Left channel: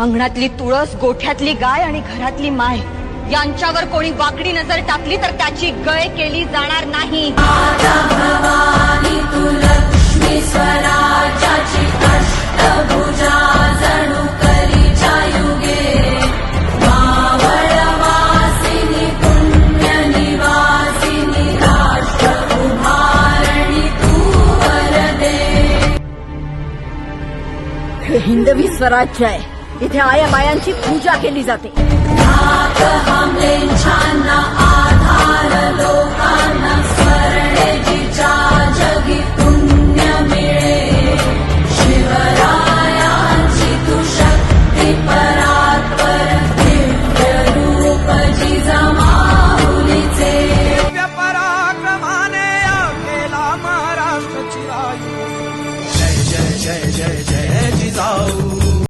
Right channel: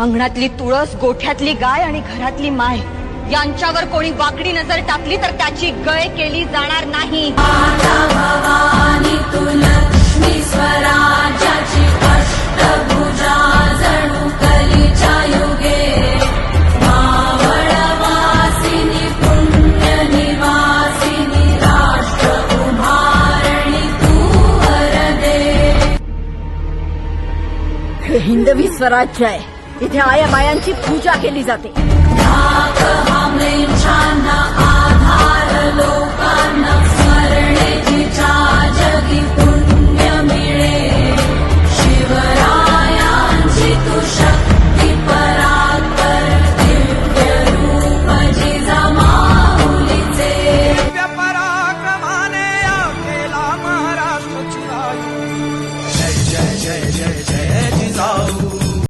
अंगणातली तुळस गोठ्यातली गाय आणि घरातली माय. यांच्यावर कोणी वाकडी नजर टाकली तर त्याची गय केली जाणार नाही. हे हिंदवी स्वराज्य आहे. इथे आया बायांची पूजा केली जाते. जय जय जय.